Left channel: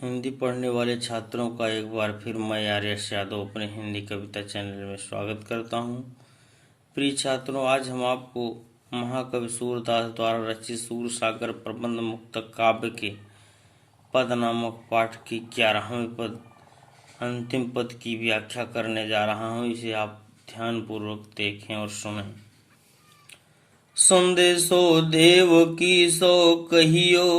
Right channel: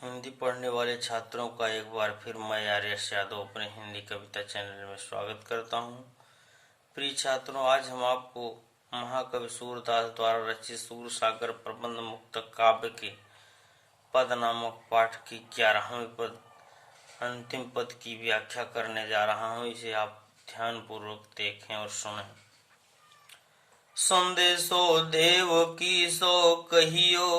हिंदी पढ़ने वाले छात्रों का एक बार फिर मैं आर्यश यादव अपने हिंदी कविता चैनल में स्वागत करता हूँ। प्रिय छात्रों, आज हम आपको महाकवि सूरदास द्वारा रचित सूरसागर प्रबंध मुक्तक काव्य के पद नामक पाठ की 11वें पद अंतिम पद की व्याख्या करने जा रहा हूँ। इसे आप ध्यानपूर्वक देखें और सुनें। संदेशो देव की सो कहियो,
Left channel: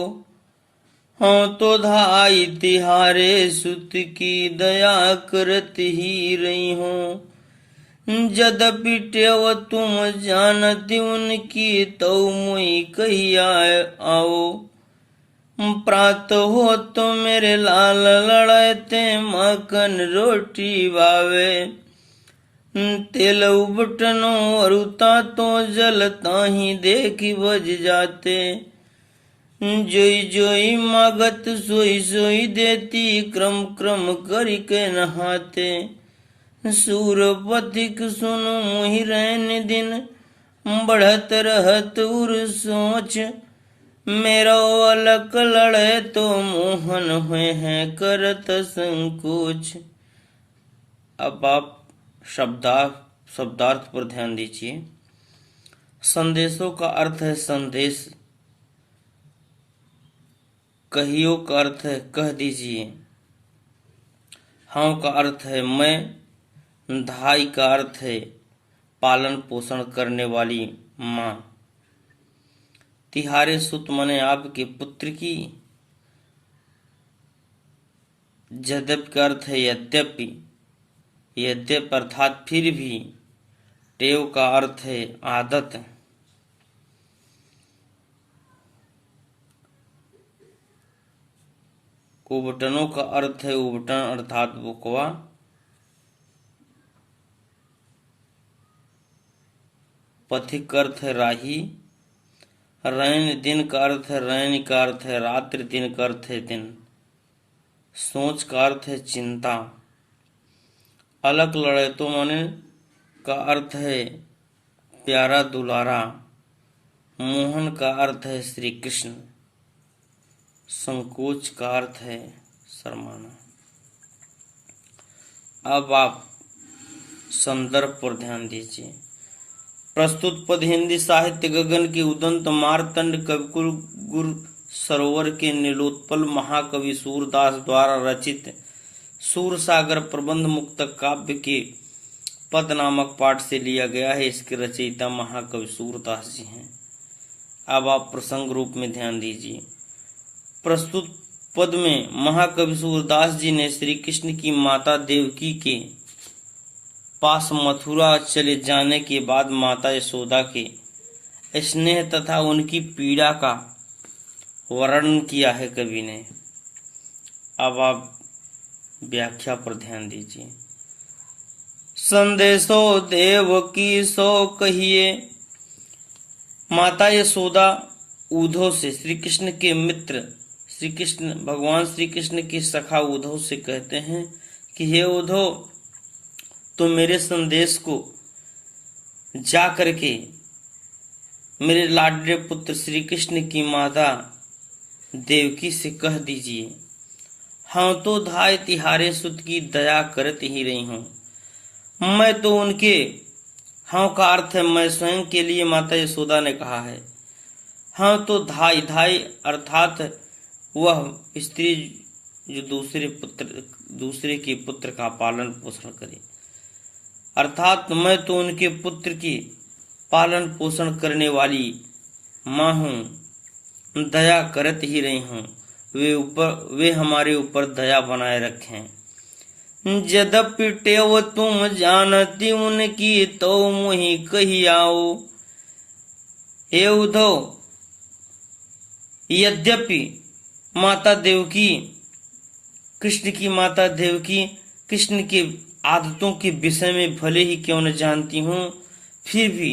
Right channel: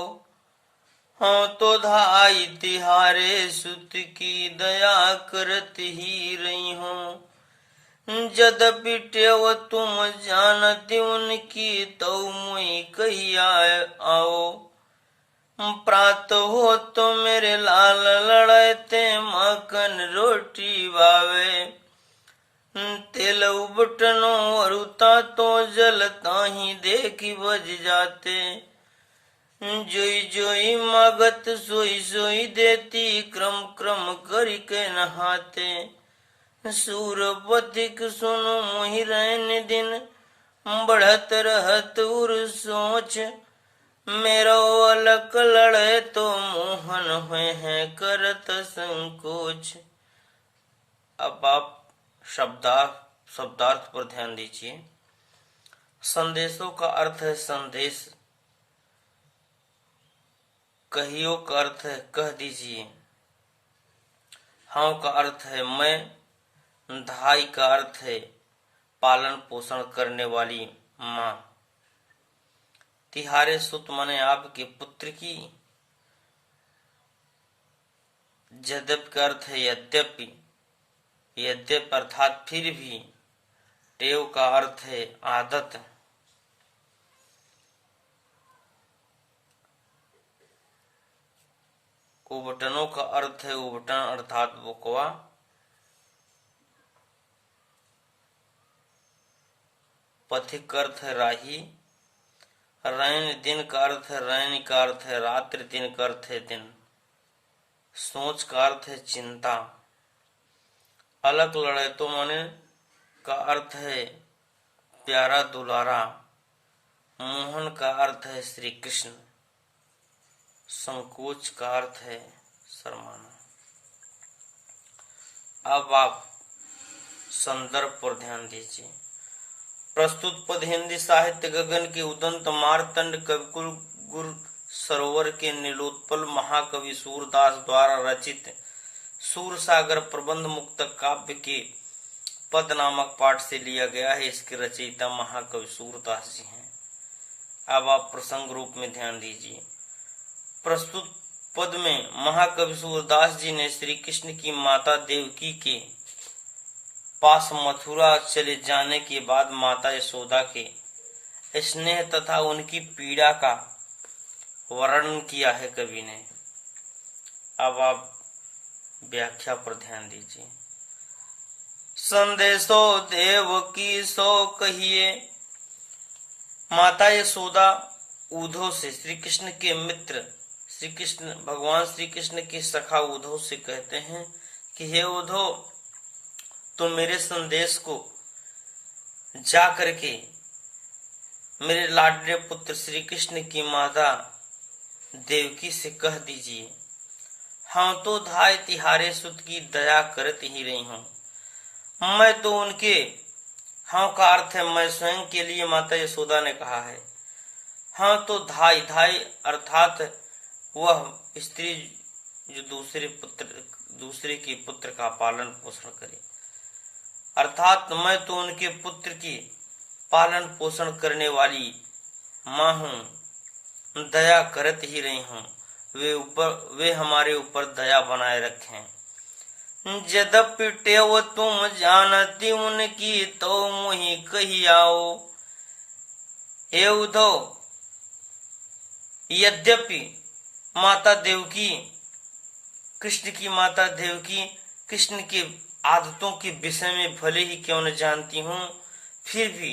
हाँ तो धाई तिहारे सुत की दया करत ही रही हो। जदपि टेव तुम जानती उनकी तो मुई कहिया आओ। प्रात हो तो मेरे लाल लड़ते मक्खन रोटी बावे। तेल उबटनो अरुता तो जलता ही देखी बज जाते। जोई जोई मागत सोई सोई देती, क्रम क्रम करी के नहाते। सूरपथिक सुनो मोहि रैन दिन, बढ़त रहत उर सोच। मेरो अलक लड़े तो मोहन हुए हैं करत संकोच। अब आप शब्दार्थ पर ध्यान दीजिए। संदेशों का अर्थ है संदेश, कहियो का अर्थ है कह दीजिए, हाँ का अर्थ है मैं, धाई का अर्थ है पालन पोषण करने वाली माँ। तिहारे सुत मने आपके पुत्र की। यद्यपि का अर्थ है यद्यपि, यद्यपि अर्थात फिर भी। टेव का अर्थ है आदत। उबटनों का अर्थ है उबटन अर्थात बुकवा। पथिक का अर्थ है राही। रैन दिन का अर्थ है, रैन का अर्थ है रात्रि, दिन का अर्थ है दिन। सोच का अर्थ है चिंता। अलग लड़े तो मने का अर्थ है प्यारा दुलारा। मोहन का अर्थ है श्री कृष्ण। संकोच का अर्थ है शर्माना। अब आप संदर्भ पर ध्यान दीजिए। प्रस्तुत पद हिंदी साहित्य गगन के उदंत मार्तंड कविकुल गुरु सरोवर के नीलोत्पल महाकवि सूरदास द्वारा रचित सूरसागर प्रबंध मुक्तक काव्य के पद नामक पाठ से लिया गया है। इसके रचयिता महाकवि सूरदास जी हैं। अब आप प्रसंग रूप में ध्यान दीजिए। प्रस्तुत पद में महाकवि सूरदास जी ने श्री कृष्ण की माता देवकी के पास मथुरा चले जाने के बाद माता यशोदा के स्नेह तथा उनकी पीड़ा का वर्णन किया है कवि ने। अब आप व्याख्या पर ध्यान दीजिए। संदेशो देव की सो कहिए, माता यशोदा उद्धव से, श्री कृष्ण के मित्र श्री कृष्ण, भगवान श्री कृष्ण के सखा उद्धव से कहते हैं कि हे उद्धव, तो मेरे संदेश को जा करके मेरे लाडले पुत्र श्री कृष्ण की माता देवकी से कह दीजिए, हाँ तो धाय तिहारे सुत की दया करत ही रही हूँ। मैं तो उनके, हाँ का अर्थ है मैं स्वयं के लिए माता यशोदा ने कहा है। हाँ तो धाई, धाई अर्थात वह स्त्री जो दूसरे के पुत्र का पालन पोषण करे, अर्थात मैं तो उनके पुत्र की पालन पोषण करने वाली माँ हूँ, दया करत ही रही हूँ। वे हमारे ऊपर दया बनाए रखें। यद्यपि टेव तुम जानती उनकी तो मुहि कही आओ। हे उद्धव, यद्यपि माता देवकी, कृष्ण की माता देवकी कृष्ण के आदतों के विषय में भले ही क्यों न जानती हूँ, फिर भी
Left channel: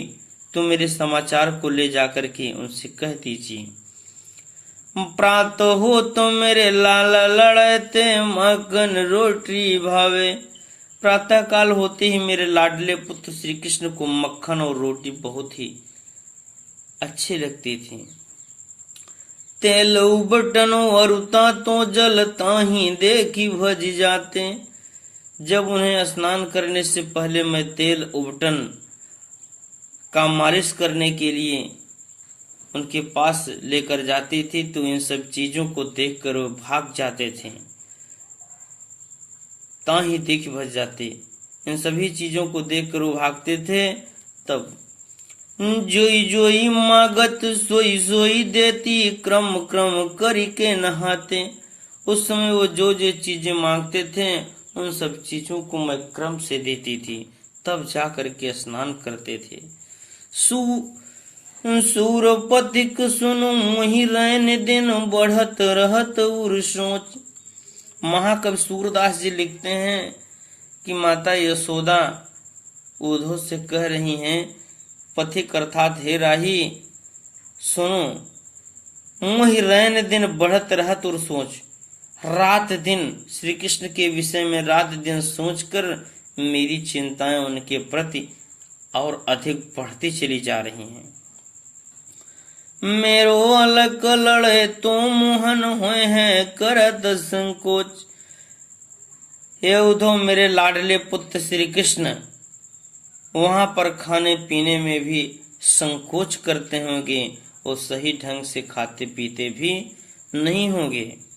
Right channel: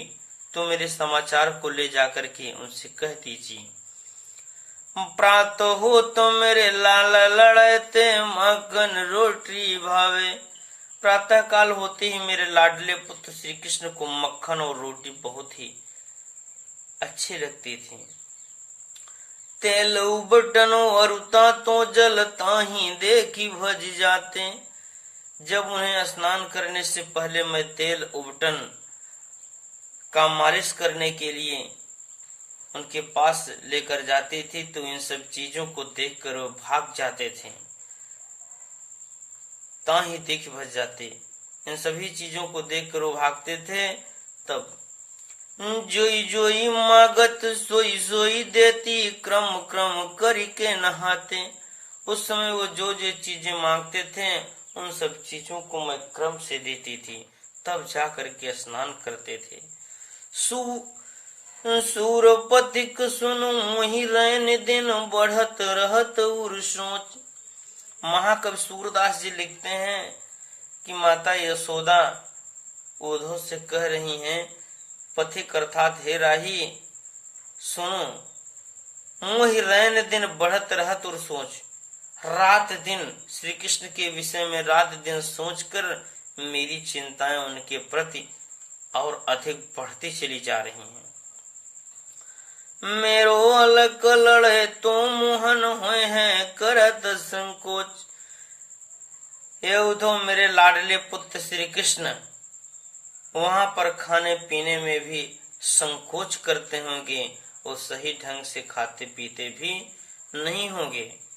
तुम मेरे समाचार को ले जाकर के उनसे कह दीजिए। प्रात हो तो मेरे लाल लड़ते मक्खन रोटी भावे। प्रातः काल होते ही मेरे लाडले पुत्र श्री कृष्ण को मक्खन और रोटी बहुत ही अच्छे लगती थी। तेल उबटन वरुता तो जल ताही देखी भज जाते। जब उन्हें स्नान करने से पहले मैं तेल उबटन का मालिश करने के लिए उनके पास लेकर जाती थी तो इन सब चीजों को देखकर वो भाग जाते थे, ताही देख भज जाते। इन सभी चीजों को देखकर वो भागते थे। तब जोई जोई मागत सोई सोई देती, क्रम क्रम करी के नहाते। उस समय वो जो जो चीजें मांगते थे उन सब चीजों को मैं क्रम से देती थी, तब जा करके स्नान करते थे। सूरपतिक सुनु मोहि रैन दिन, बढ़त रहत उर सोच। महाकवि सूरदास जी लिखते हैं कि माता यशोदा उद्धव से कह रही हैं, पथिक अर्थात हे राही सुनो, मोहि रैन दिन बढ़त रहत उर सोच। रात दिन श्री कृष्ण के विषय में रात दिन सोचकर मेरी चिंताएं उनके प्रति और अधिक बढ़ती चली जा रही हैं। मेरो अलक लड़े तो मोहन होए हैं करत संकोच। हे उद्धव, मेरे लाडले पुत्र श्री कृष्ण वहां पर खाने पीने में भी संकोच करते होंगे, वो सही ढंग से खाते पीते भी नहीं होंगे।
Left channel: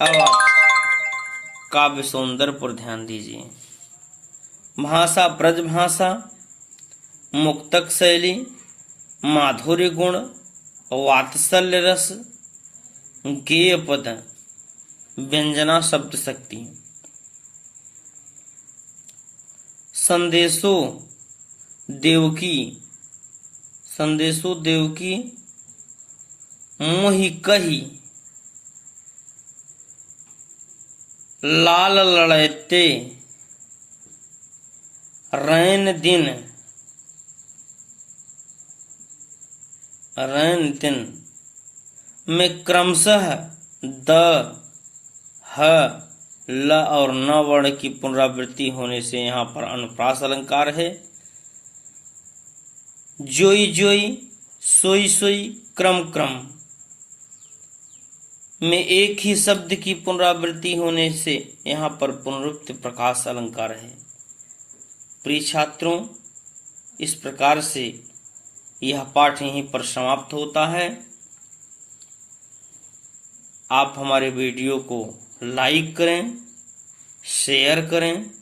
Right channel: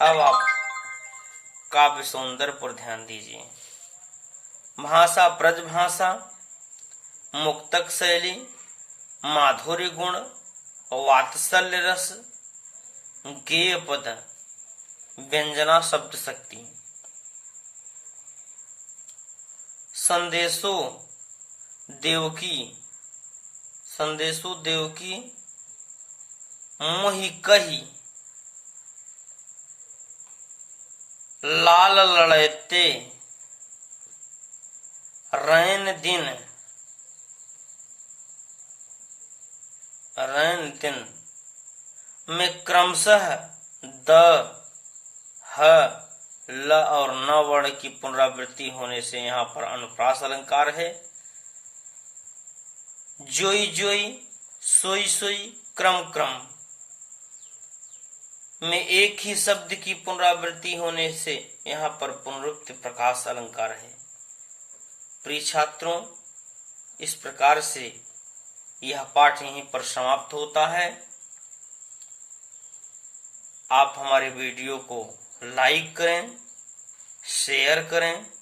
अब आप काव्य सौंदर्य पर ध्यान दीजिए। भाषा ब्रज भाषा, मुक्तक शैली, माधुर्य गुण, वात्सल्य रस, गेय पद, व्यंजना शब्द शक्ति। संदेशो देवकी मोहि कही, लाल लड़ते रैन दिन में क्रमशः द, ह, ल और न वर्ण की पुनरावृत्ति होने से यहाँ पर अनुप्रास अलंकार है। जोई जोई, सोई सोई, क्रम क्रम में एक ही शब्द की पुनरावृत्ति होने से यहाँ पर पुनरुक्त प्रकाश अलंकार है। प्रिय छात्रों, इस प्रकार से यह पाठ यहीं पर समाप्त होता है। आप हमारे वीडियो को लाइक करें, शेयर करें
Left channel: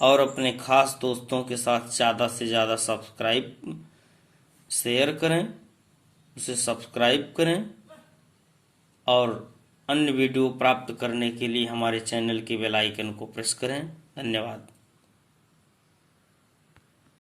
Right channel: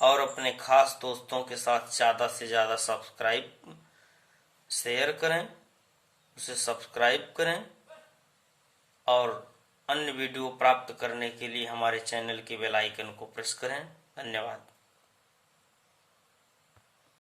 और अपने खास दोस्तों के साथ ज़्यादा से ज़्यादा शेयर करें, उसे सब्सक्राइब करें और अन्य वीडियो प्राप्त करने के लिए हमारे चैनल के बेल आइकन को प्रेस करें। धन्यवाद।